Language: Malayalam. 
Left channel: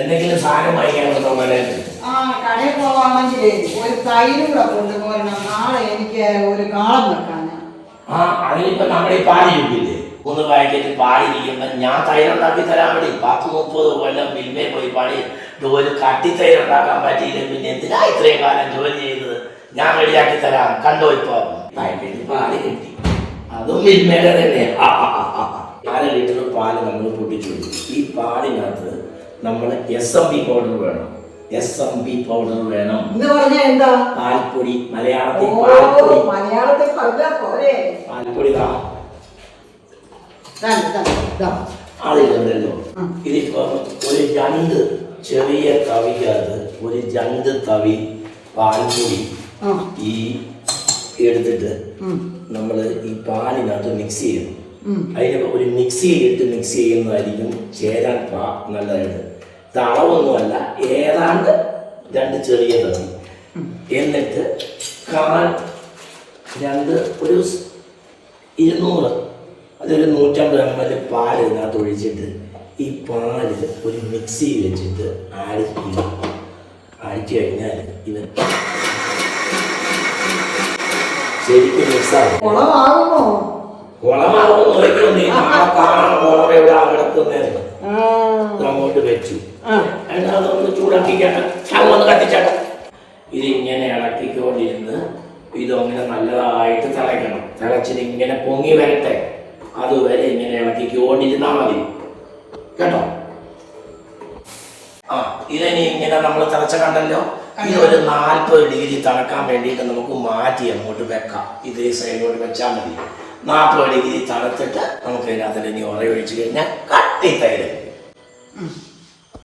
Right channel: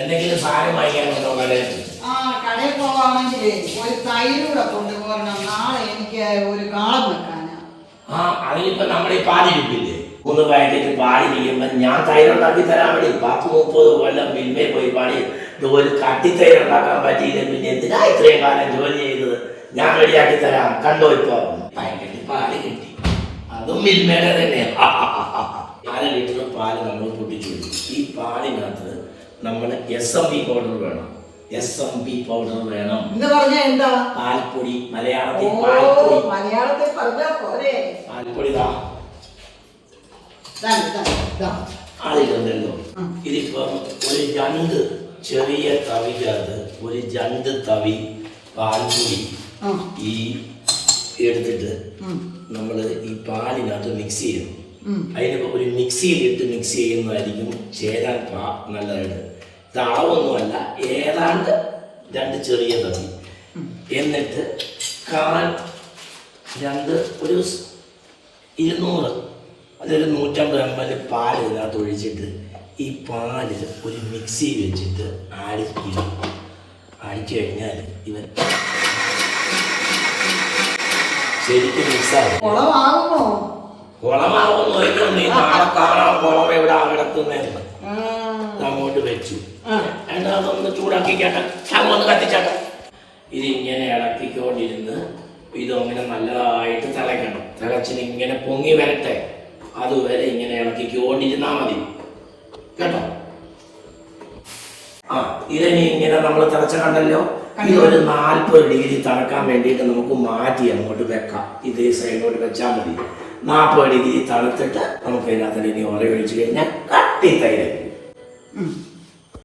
എന്തെങ്കിലും സാധനം വാങ്ങിക്കാനുണ്ടോ? ആ കടയിൽ പോവാണെങ്കിലേ ഒരു തൈരൂടെ കൊണ്ടുപോരണം. നാളെ എനിക്ക് ഒരു കാളം വെക്കാനാ. ആ അതിനിപ്പോ നമ്മുടെ ഈ പാലിരിപ്പില്ലേ, 3 പാക്കറ്റ് പാലിരിക്കുമ്പോ ഞാൻ തൈരുണ്ടാക്കി തരാൻ വേണ്ടി 10-30 കൊല്ലം മിൽമേ പോയി പാടി ഇതുപോലെ കട്ടിത്തൈരുണ്ടാക്കാൻ പറ്റിയില്ല. പിന്നെ എന്തിനാ ഇത്രയും കാലം ജോലി ചെയ്തത്? ഞാൻ റെഡിയാക്കി തരാം, കണ്ടോ? ഇപ്പൊ പാക്കറ്റ് പാല് കിട്ടി, അതും മിൽമേടെ തന്നെ. 4 ലിറ്റർ പാല് നമ്മൾ പൊട്ടിച്ചു. ഈ പാലിനകത്ത് നമ്മൾ SMB പൗഡർ വേണം. SMB പൗഡർ വേണം എന്ന് പറഞ്ഞാൽ എന്താ? പാൽപ്പൊടി. മലയാളത്തിൽ പാൽപ്പൊടി. മലയാളത്തിൽ പറഞ്ഞാൽ പോരെ. പാൽപ്പൊടി അതിലുണ്ടല്ലോ. ഇതിപ്പോ ഒരു 2 ചെറിയ തവിക്കകത്ത് ഒരു 2 തവി പാൽപ്പൊടി ഈ എടുത്തിട്ട് നമ്മൾ ഈ പാലിനകത്ത് മിക്സ് ചെയ്യണം. അതിന് ഒരു മിക്സിയിലിട്ട് മിക്സ് ചെയ്യുന്നതായിരിക്കും ചേരാൻ നല്ലതായിട്ട്. തളവൊന്നുമല്ല, ഏതാണ്ട് 2 ചെറിയ തവി. എന്നിട്ട് ഒരു 200 അതൊരു 150 ml പാല് ഇതിനകത്ത് ഒഴിച്ചിട്ട് ഈ പാല് ഒരു മിക്സി വെച്ചിട്ട് അടിച്ചു കഴിഞ്ഞാൽ ഇവൻ ശരിക്കും മിക്സാകും. കുളമാകുമെന്ന് നോക്കണം. നീ നാളെ കാണാൻ കുളം എവിടെ കിടക്കുന്നേന്ന് അങ്ങോട്ട് വെച്ചു. അതൊന്ന് ചൂടാക്കിക്കാട്ടെ, അങ്ങൊന്ന് കത്തിച്ചാട്ടെ. ഇതിങ്ങനെ ഇളക്കിക്കൊണ്ടിരുന്ന് ഇതങ്ങനെ നല്ലതായിട്ട് തിളയ്ക്കണം. തിളച്ചിട്ട് ഇങ്ങനെ പൊങ്ങി വരട്ടെ, അതുവരെ ഇങ്ങനെ ഇളക്കിക്കൊണ്ടിരുന്നാൽ മതി കേട്ടോ. ഇതിനി ഇങ്ങനെ നമ്മൾ തിളച്ച കണ്ടല്ലോ. ഇതൊരു 40 ഡിഗ്രി തണുക്കാൻ വേണ്ടിയിട്ട് നമുക്ക് മാറ്റി അങ്ങോട്ട് വെക്കാം. ഇതേ സൈഡിലോട്ട് വെച്ചാൽ മതി. 40 ഡിഗ്രി തണുത്തിട്ട് നമുക്ക് ഇതിനകത്ത് ഇനി ഉറ ഒഴിച്ചു കഴിഞ്ഞാൽ കട്ടി തൈരായിരിക്കും.